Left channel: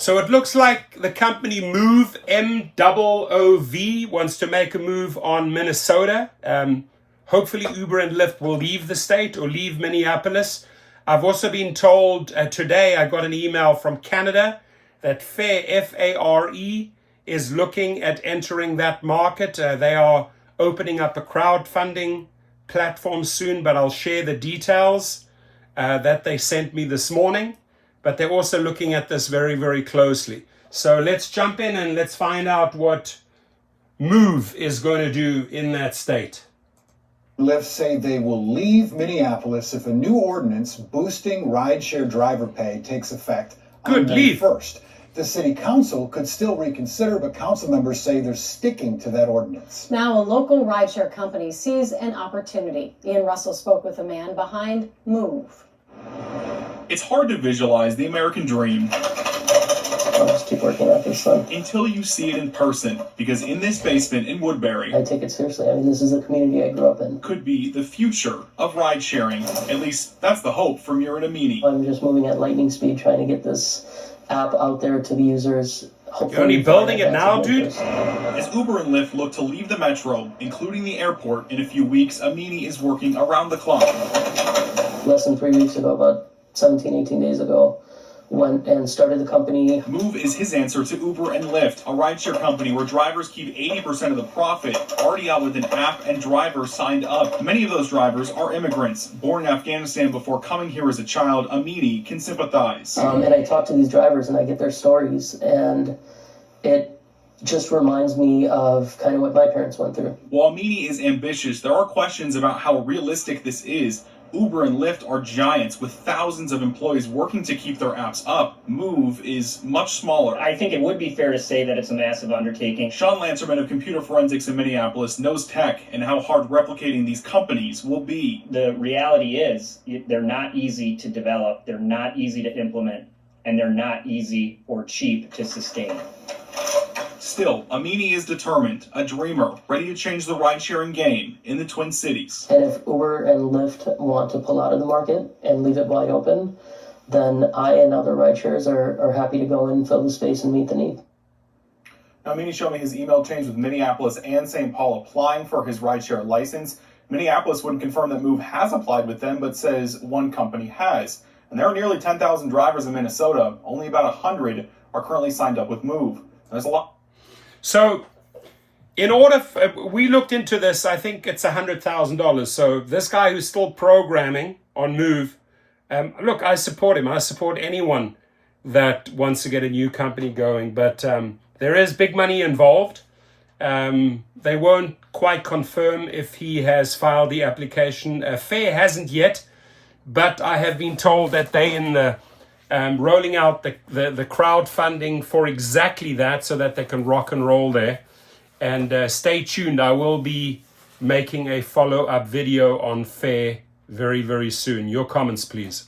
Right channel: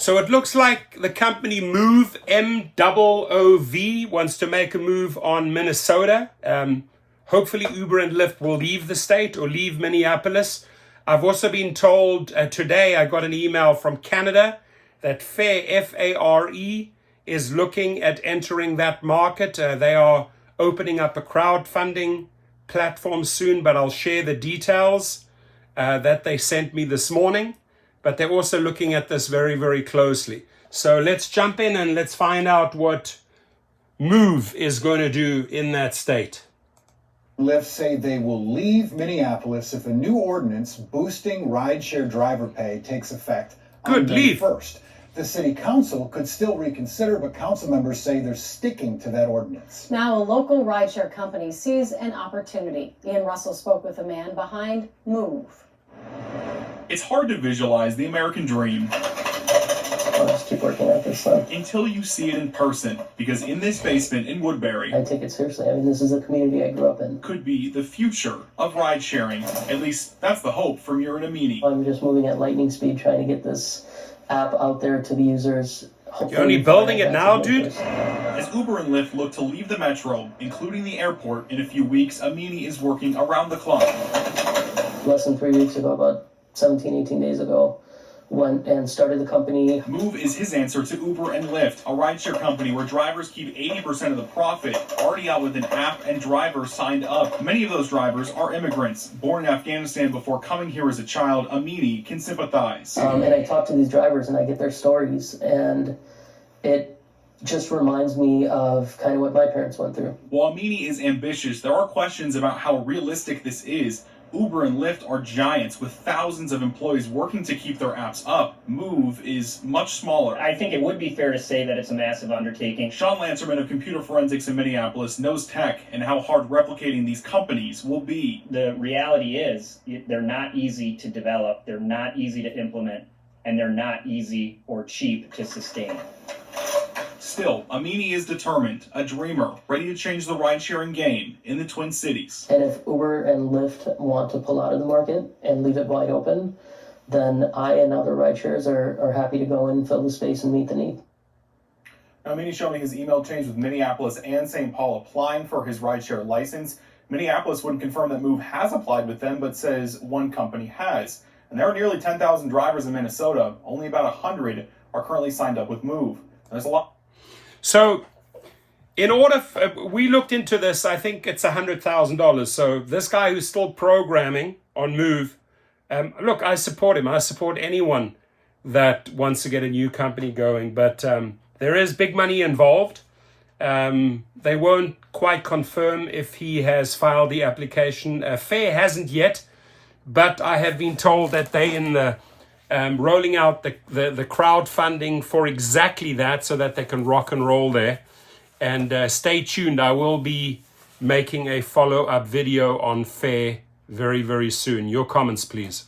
So it looks like the company MOOV, MOOV, wants to make a move on Minnesota. Hopefully Uber and Lyft will leave the state or leave Minneapolis. I've also been told today, I got an email from Canada that Fare, F-A-R-E, is looking at entering that market. They are opening up a crowdfunding platform soon, but I'll share the details that they sent me this morning. But they're also looking at this very, very closely. So let's jump in and let's find out what MOOV is going to do in that state. Lyft say they will leave Minneapolis if a new ordinance boosting rideshare driver pay takes effect on May 1st. The city council could still reconsider, but council members say they're sticking to that ordinance. Now a local rideshare company sees an opportunity. Ian Russell spoke with a man behind MOOV. It's hard to visualize the American dream I'll just keep working at this one until you see it in person, because in this basement in Woodbury, I take it seriously. I mean, this is the community I grew up in. Could be the future of ride sharing. At least that's the hope from Muir and Amini. I'm just moving at lightning speed, trying to get this app out there to the users. You're only building it now, dude? As Uber and Lyft look to leave the metro, including the airport, in a few weeks, Amini is working around the clock. Less than 3 weeks ago, about 17, 18 days ago, went and started the company. MOOV is his answer to Uber and Lyft, a rideshare company where drivers keep 80% of the profit, already out with an app and drivers signed up. Many of those drivers are immigrants, born in Afghanistan before coming here as a child. Amini can sympathize. And I talk to these drivers and I get their stories, and it just reminds me of kind of what my parents went through. While Amini is ambitious, there are questions about how realistic this is. Uber and Lyft are giants with thousands of employees working to keep their apps up. MOOV is much smaller. I think it would be fair to say that it's a massive undertaking. Sean Lancerman of Computer Forensics in Minneapolis knows tech and how hard replicating these companies will be. The reality is they're not easy to develop, they're not easy to implement, and they're not easy or cheap to sustain. Still, Amini is determined, a dreamer, ready to change the ride-sharing game in the Twin Cities. And if Uber and Lyft want to pull out of the market and leave it wide open, then I and other rideshares are happy to go in, fill the space, and meet the need. Now, Amini showed me his email chains with Minneapolis and St. Paul applying for his rideshare license. Minneapolis wouldn't confirm that MOOV has applied with them, but says one company has. And there are nearly 10,000 drivers in Minnesota. Only about 100 are currently signed up with MOOV. There's a lot. So in order, we looked into this, I think it's $100,000. So this guy who's still programming on MOOV, look, I support him. I support anyone that wants to get a new company going, but there is big money involved. They won't quite confirm if he has filed the application. Fare hasn't yet, but I have been told that they in the rolling out the crowdfunding for exactly that, so that they can rock and roll there. And stay tuned. I will be making a follow-up video on Fare very, very soon. Your comments, please.